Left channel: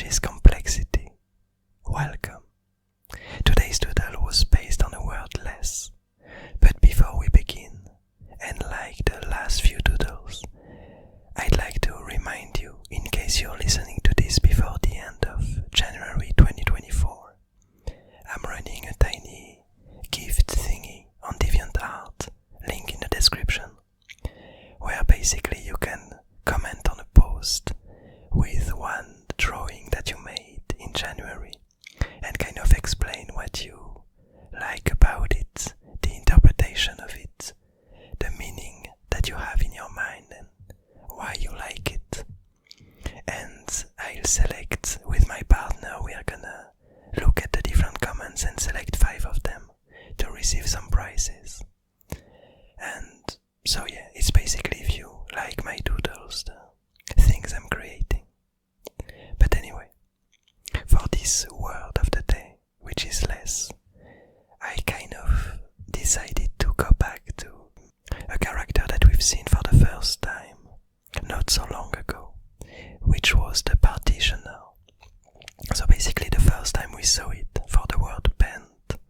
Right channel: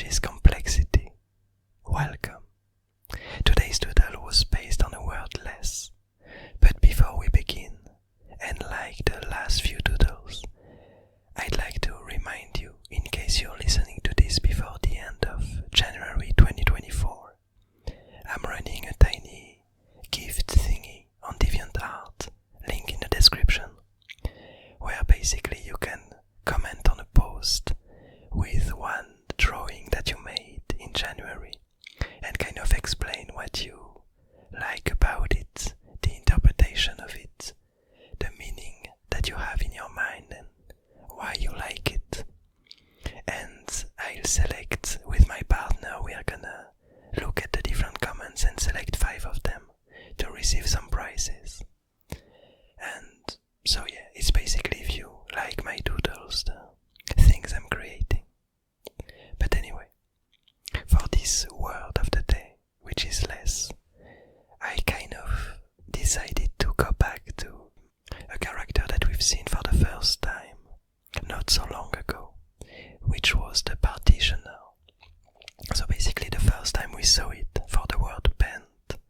which is complexity. Welcome. Today's doodle was based on a word less. But before we begin, and like the last few doodles, I'd like to remind you, in case you're listening to this before the end of January 2024, I'm running a tiny gift thingy on DeviantArt, link in the description, where basically you can comment on a post with one drawing that you made in January and kind of explain what you like about it, the interpretation of it, the meaning that you have in your mind and why you like it. And I'll select, with my partner, we are gonna look at the different comments and select 5 of them to receive some prizes. And so yeah, it's basically if you like my doodles, the things I'm creating. But anyway, for this word of the day, which is less, I kind of decided to go back to a character that we've seen for the first time not so long ago, which was the partitioner. So basically the first time we saw it for the word bent,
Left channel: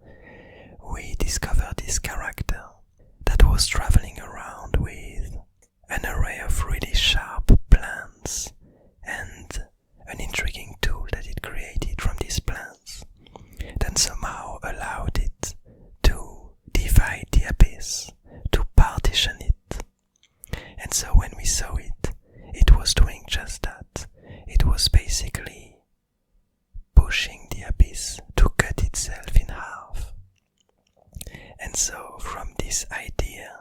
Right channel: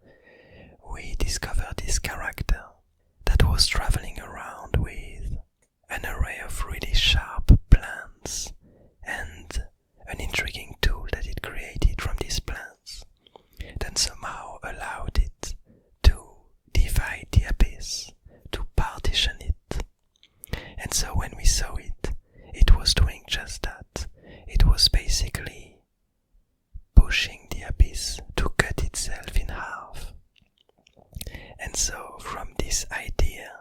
we discovered this character that was traveling around with an array of really sharp plans and an intriguing tool that it created from these plans, then somehow allowed it to divide the abyss, to partition it. And so when we saw it, it was doing just that. It was basically pushing the abyss to cut itself in half. And so from this idea,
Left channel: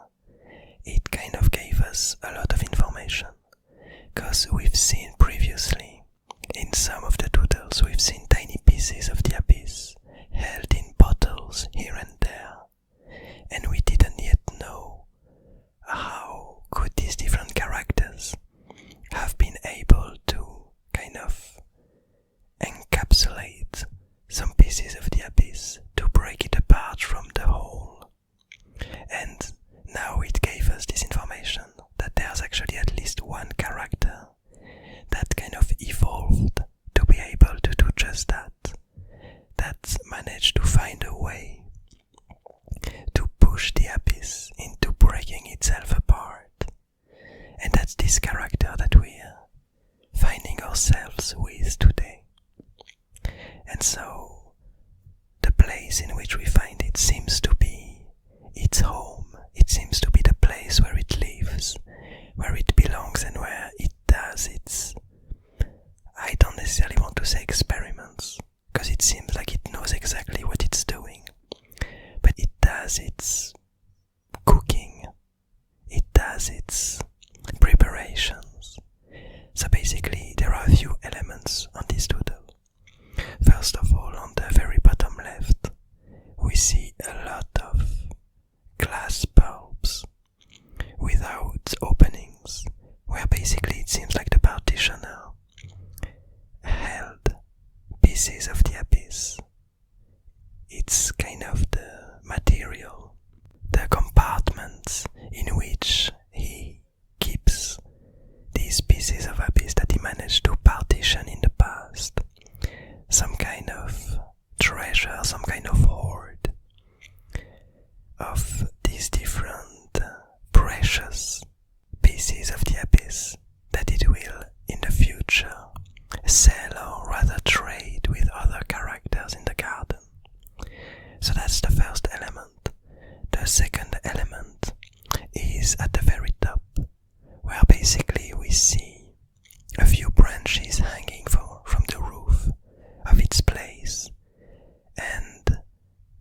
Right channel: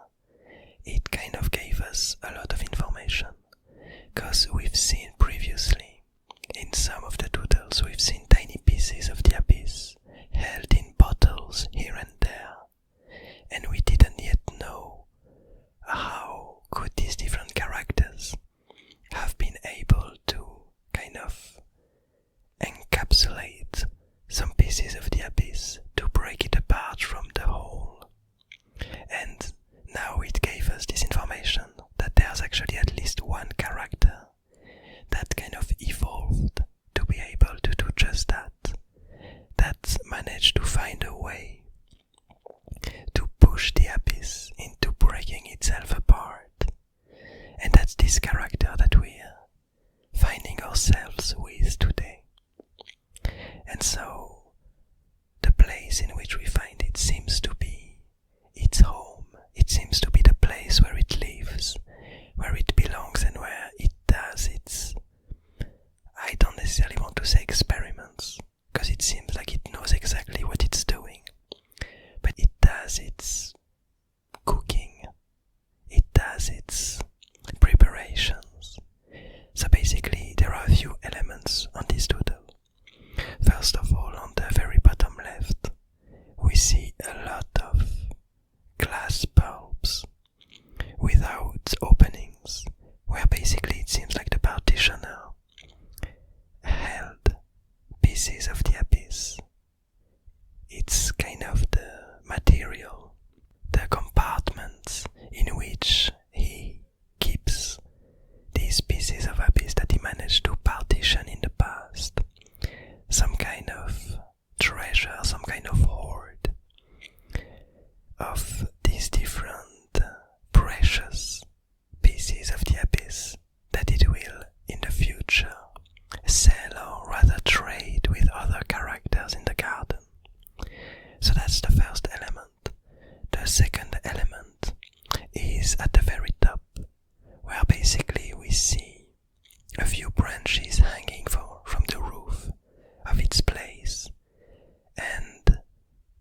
it kind of gave us a lot of information, because we've seen previously, in some of the doodles, we've seen tiny pieces of the abyss held in bottles here and there, and we didn't yet know how could these different characters have been able to kind of encapsulate some pieces of the abyss to break it apart from the whole. And now it gave us this information that there's actually at least one character that kind of evolved to be able to do just that, that managed to find a way to push the abyss into breaking itself apart. And that's this character that we're finding ourselves with today. And so the place in which we find it seems to be its home. It seems to be the place where it lives, where it belongs, and where it does its, I don't necessarily want to say experiments, because it seems like it knows exactly what it's doing, but it does its cooking, it does its preparations. So basically there are a few elements on this doodle. First of all, on the very bottom left, we see a lot of glass bulbs without openings, where basically it seems like the partitioner held pieces of the abyss. It's kind of the material, the compartments in which he keeps these pieces of abyss that he managed to partition in the past. Some kind of treasure, some kind of hoard of these different precious pieces of the abyss that it will in the future sell or rather trade with other characters in the garden. So that's the first element. The second element is at the very top, where basically we see a few branches hanging from the roof of its place and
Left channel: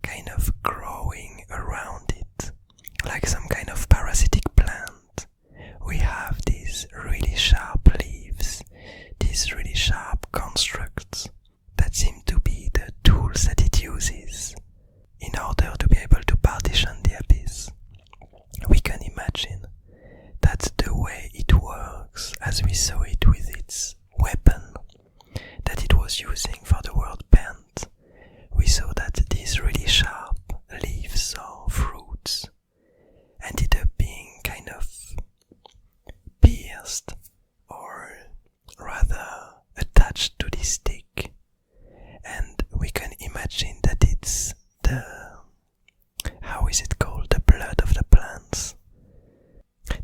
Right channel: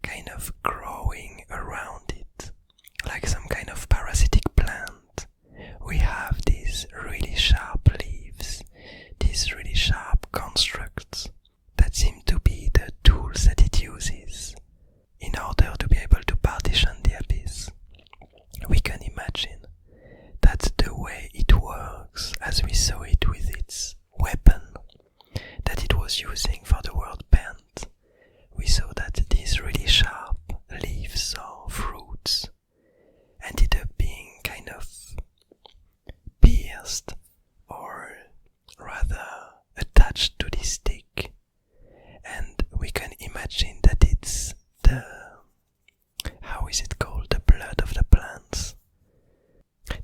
kind of growing around it like some kind of parasitic plant. We have these really sharp leaves, these really sharp constructs that seem to be the tools that it uses in order to be able to partition the abyss. We can imagine that the way it works, as we saw it with its weapon that it was using for the word bent, we saw that these really sharp leaves or fruits ended up being kind of pierced or rather attached to this stick we can imagine that it's how is it called? The blood of the plants.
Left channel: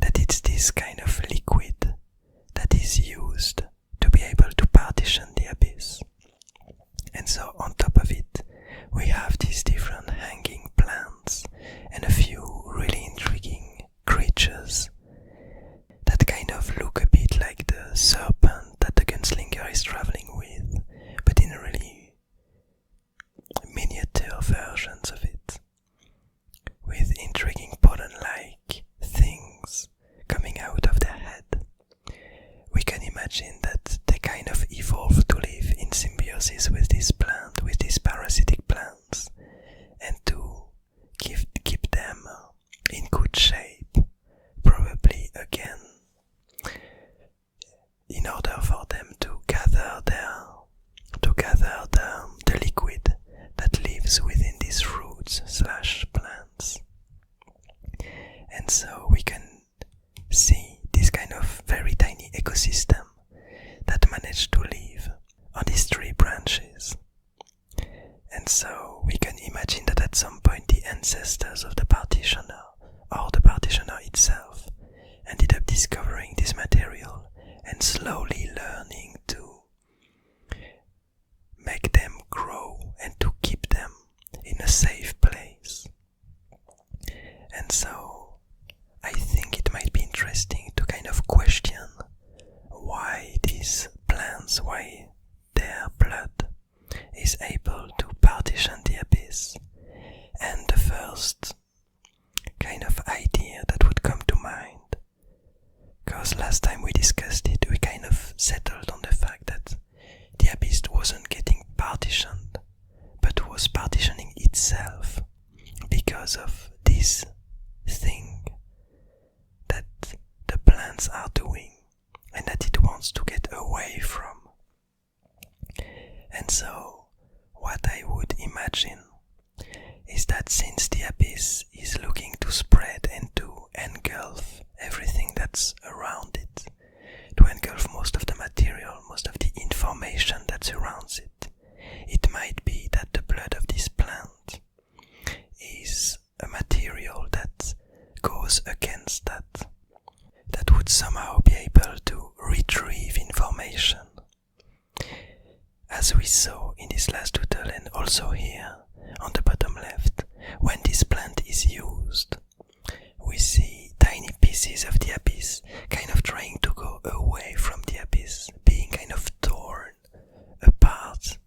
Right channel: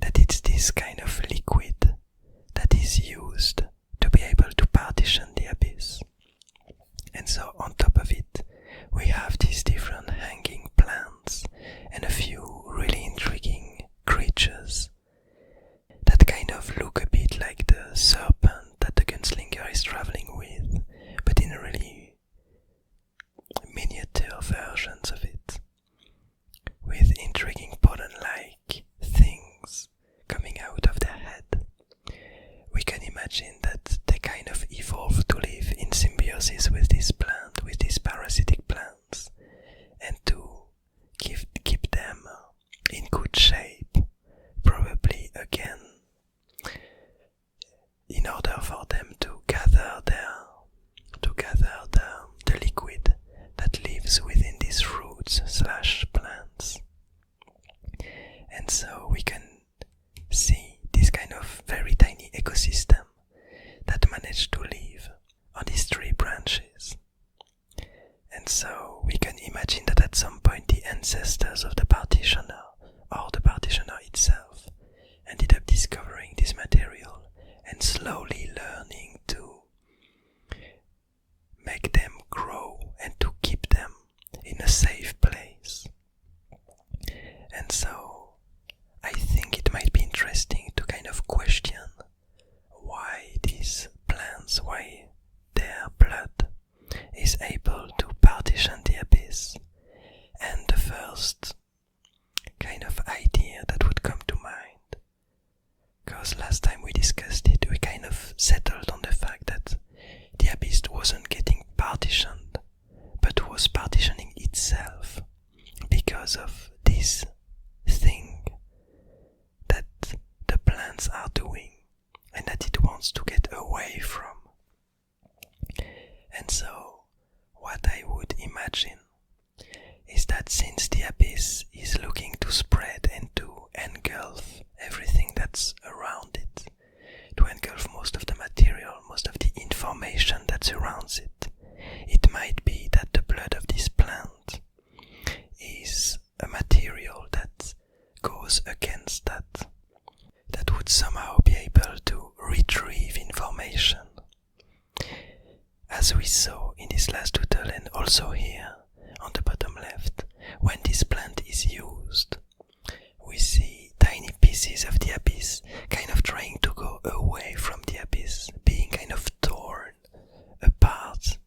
That it's this kind of liquid that is used to be able to partition the abyss. And so on top of it, we have these different hanging plants and a few really intriguing creatures that kind of look a bit like the serpent that the gunslinger is traveling with, but in really miniature versions of it, with intriguing pollen-like things coming out of their head. We can imagine that they kind of evolved to live in symbiosis with this plant, with these parasitic plants, and to keep them in good shape, probably again, in order for them to gather the liquid that lives within these fruits/plants. And so we can see this kind of very tiny ecosystem that managed to live on these tree branches. And so we can imagine that at some point the ancestors of the partitioner, or the partitioner itself, ended up discovering this material and slowly learning to make them grow and to keep them in a safe place. And so I think it might be interesting to kind of question why these plants, why their blood is able to partition the abyss. And the first kind of idea that would come to mind, because last time we discussed it, we kind of settled on the fact that the abyss wasn't getting partitioned, but was partitioning itself because of this thing that the plants are doing and that it wants to get away from. And so what I would imagine is that since the abyss is looking to spread and to engulf everything that's around it, to engulf most of the material, most of the information that surrounds it, it might be that the blood of this plant is a material that goes against that would somehow be able to retrieve information. As we saw in this last doodle and also here on the bottom left, when this plant is used, we see tiny pieces of the abyss kind of trying to go away from the abyss, being kind of torn apart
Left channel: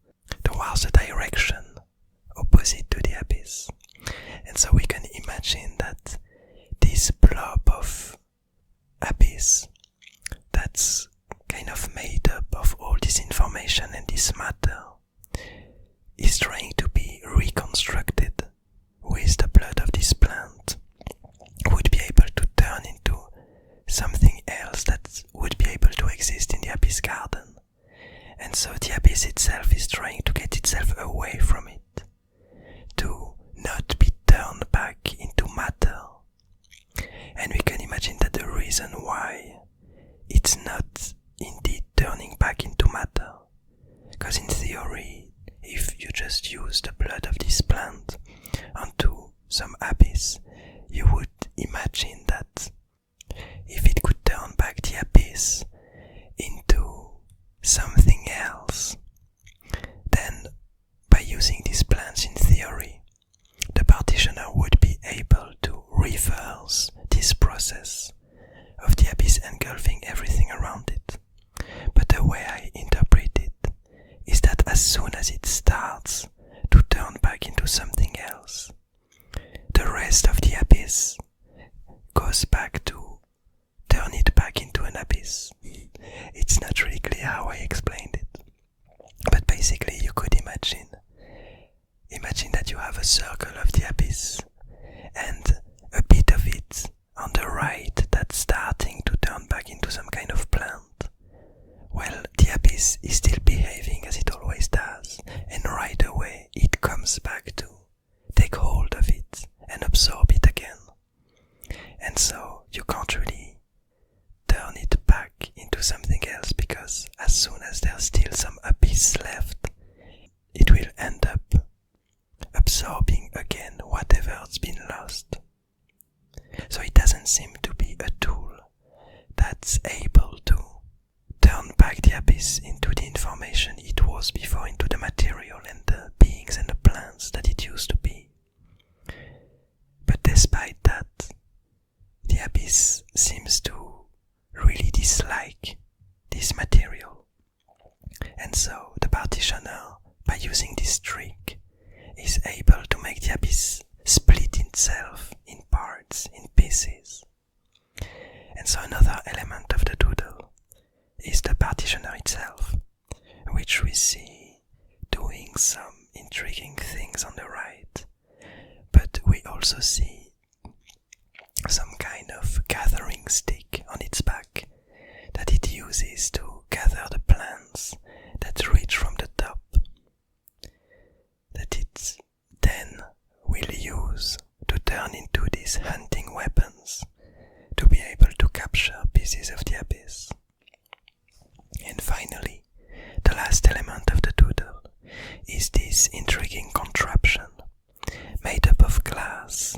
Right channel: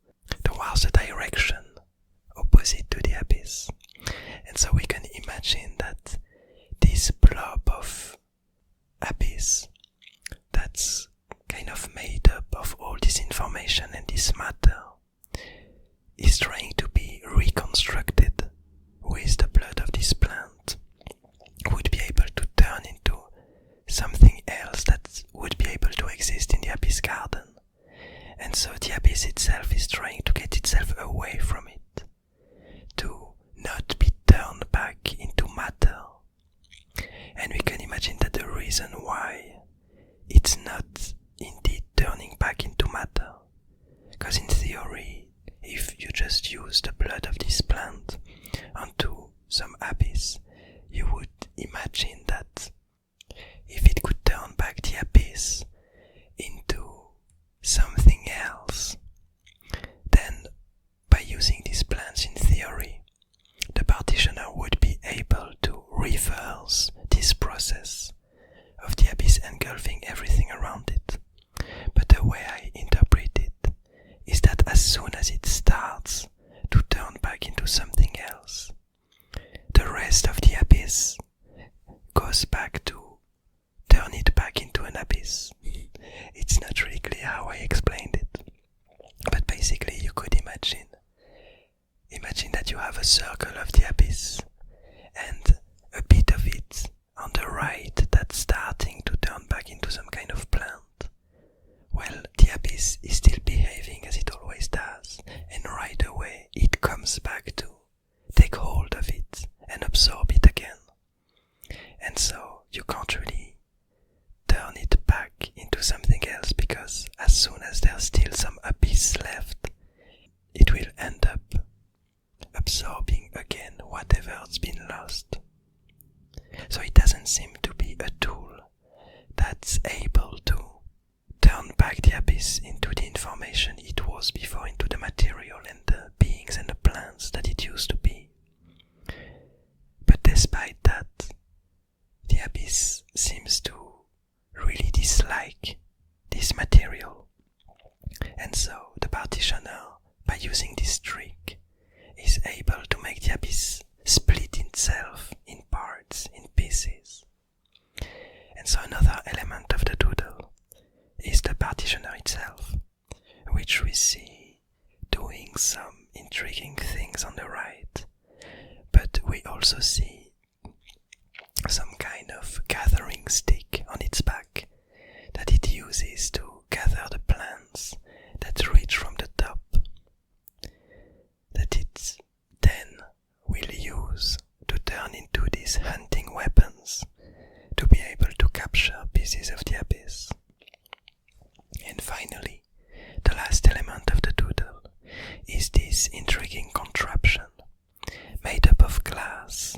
towards the direction opposite to the abyss. And so we can imagine that this blob of abyss that's kind of made up of all this information and this matter is trying to be reconstructed with the blood of this plant, would be able to turn into something else that would be able to exist in the abyss garden. And so the abyss itself is trying to get itself away from it, to not be turned back into matter. And we can imagine that the reason why it's not indeed turning back into matter, because in theory, if you just use the blood of this plant onto some abyss, you would imagine that if it could turn back the abyss into something else, then by using these plants in theory, the partitioner would be able to reverse this process of the abyss engulfing everything around it. But the way I interpret it is that as soon as it starts to turn back into something else, the rest of the abyss goes back to turn it back into an abyss. It's not really clear how I explained it, but basically you could imagine that you have a circle of the abyss and a bit of it on the right that's starting to turn back into some kind of plant. Well, the abyss is still behaving as it always does, and right away it comes back to take hold of it and absorb it again. And so you can't really turn it back into something else, because as soon as there's still some abyss left, it will end the abyss into the information it was before, into the material and the beings and the plants that it used to be. But despite that, the abyss seems to really dislike this material. And so the partitioner, by using this trick, is able to make the abyss split itself in parts, in pieces. And so another element of the doodle is the partitioner itself, which we see doing some intriguing things on the right, but we also see some kind of gathering stick on its back that it uses to gather the plants that reach from the top, that it then will use to turn into these hunting weapons to be able to capture pieces of the abyss. And finally, the last element of the doodle is this intriguing contraption made up of glass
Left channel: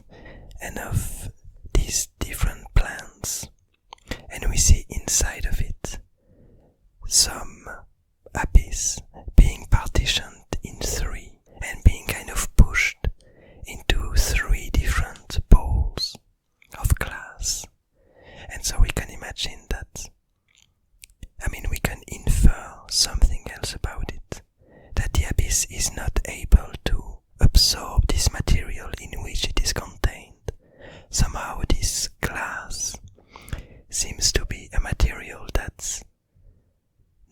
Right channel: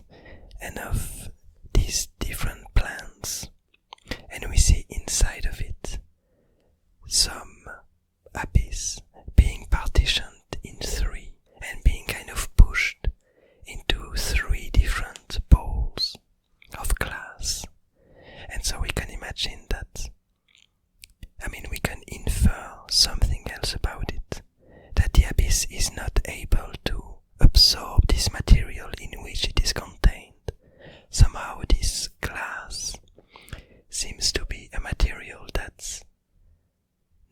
and of these different plants, and we see inside of it some abyss being partitioned in three and being kind of pushed into three different bowls of glass. And so we can imagine that, we can infer something else about it, that the abyss is not able to absorb this material in which it is contained. Somehow this glass seems to be a material that's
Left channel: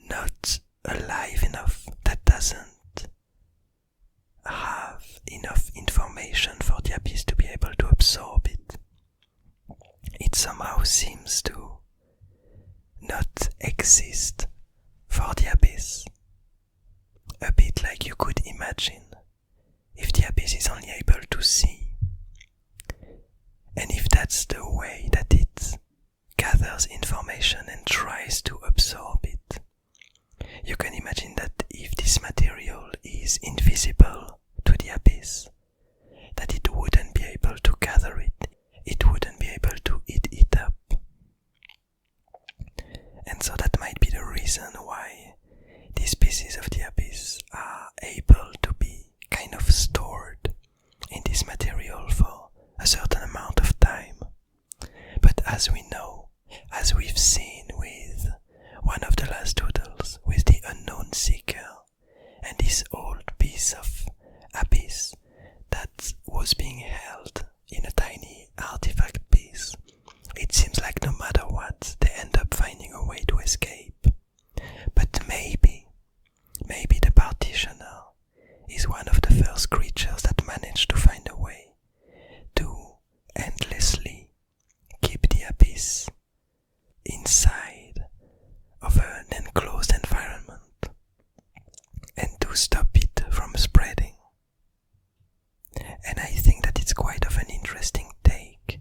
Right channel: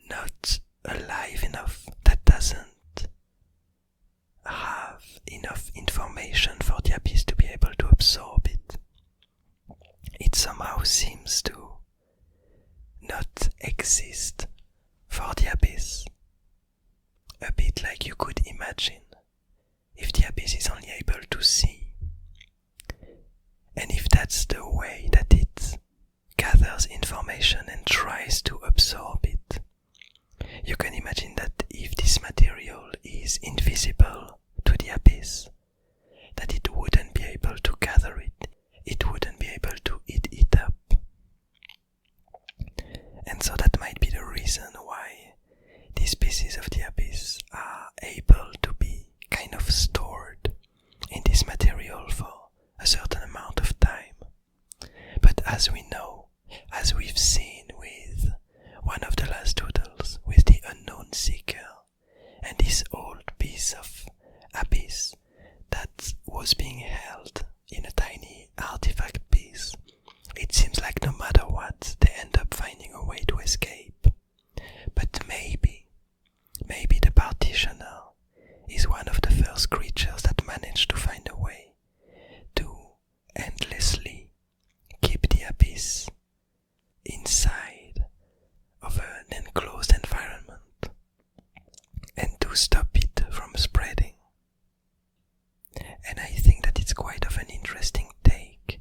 not alive enough, that doesn't have enough information for the abyss to be able to absorb it. It somehow seems to not exist for the abyss. A bit like you could imagine if the abyss is only able to see. And if that's the way that it gathers information and tries to absorb it, you can imagine that if this material is invisible to the abyss, that it wouldn't be able to gather it, it wouldn't be able to eat it up. And so that might be the reason why these pieces of the abyss are able to be kind of stored in this material for a certain amount of time. But as we know, as we've seen with one of the last doodles, with the unknown seeker, and this old piece of abyss that was being held in a tiny artifact piece, it seems like no matter what, they end up finding a way to escape. But maybe the partitioner is one of the first creatures that managed to find a way to endlessly keep the abyss inside of an enclosed environment and to stop it from spreading. And I think that it's quite of an interesting take,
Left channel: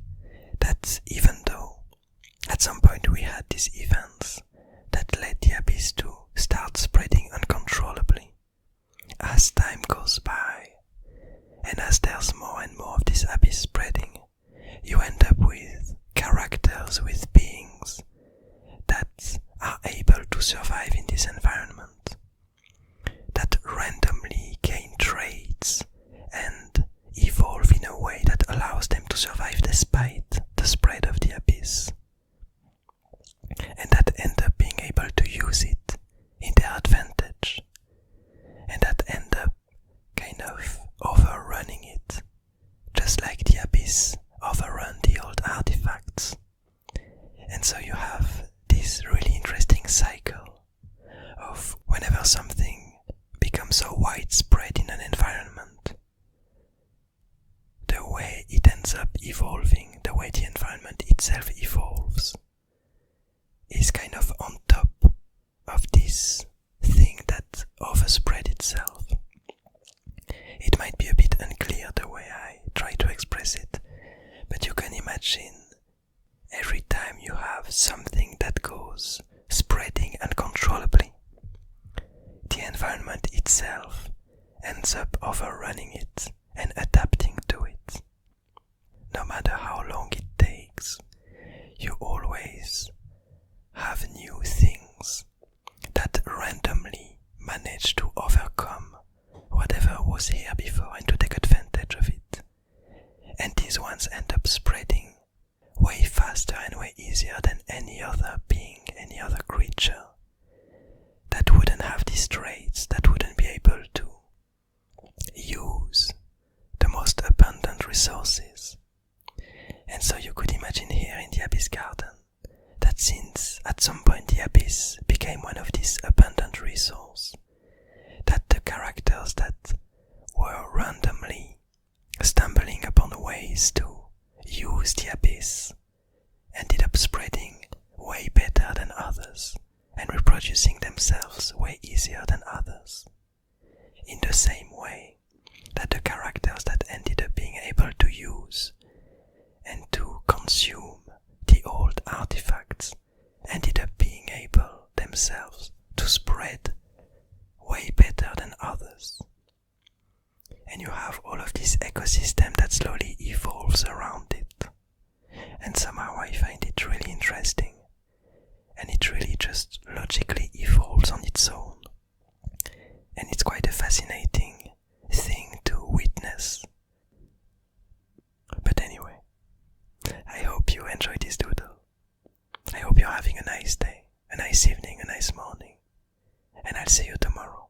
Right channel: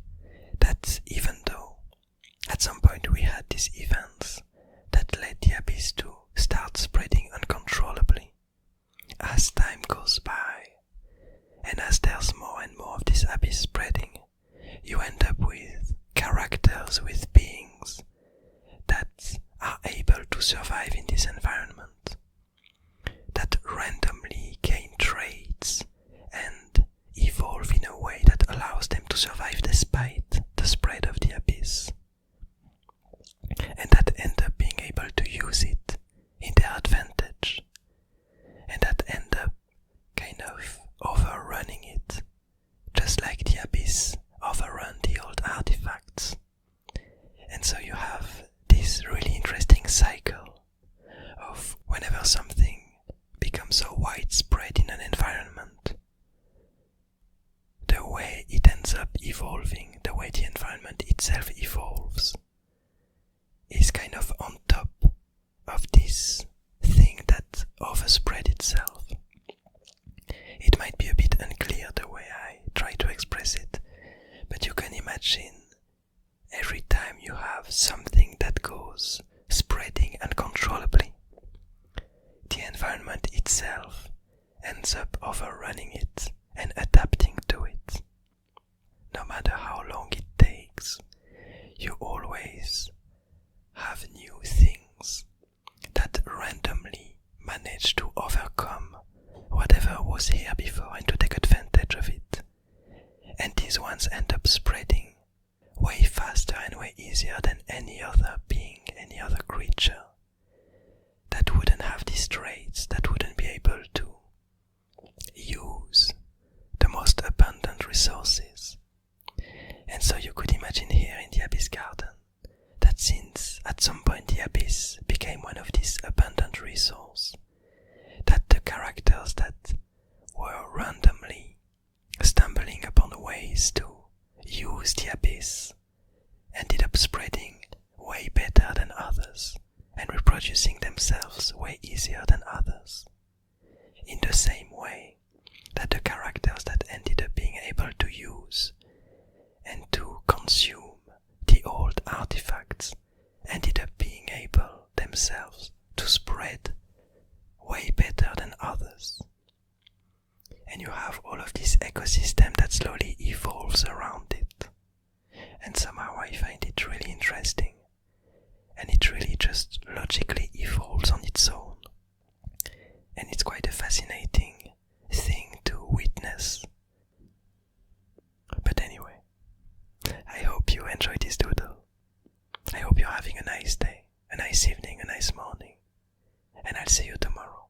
that even though at some point we had these events that led the abyss to start spreading uncontrollably, as time goes by and as there's more and more of this abyss spreading, you end up with characters, with beings that are able to survive in this environment, that randomly gain traits and evolve in a way that allows them to survive despite the spread of the abyss, and that end up being able to use it in their advantage, and that end up kind of overrunning it, just like the abyss overrun the old artifacts. And so you have this really interesting cycle of whenever something becomes so widespread in an environment, the way it ends up evolving, the way the environment itself evolves, is kind of on top of this thing that overspread itself. It might be a bit unclear the way I try to express it, but you can imagine every time you have something that goes spreading uncontrollably, the environment itself ends up overrunning it and adapting to it. No matter how long it takes, you always have new things that culture that wouldn't have these traits, that wouldn't be able to use the most abundant resources. And so you could imagine here in the Abyss Garden that since at some point the Abyss became one of these abundant resources, that the characters that were randomly stumbling upon ways to use the Abyss ended up spreading way better than others and reproducing themselves way easier than others. In the same way that the characters that ended up being able to use and to consume the old artifacts ended up being able themselves to spread way better than others. And you have all of this ecosystem that slowly evolves around it. And somehow I find it really interesting. And it really just logically evolves on its own. And it's quite a fascinating thing to witness. But anyway, I hope you enjoyed this doodle. I hope you're having a nice day, a nice evening, a nice morning. And I'll see you tomorrow.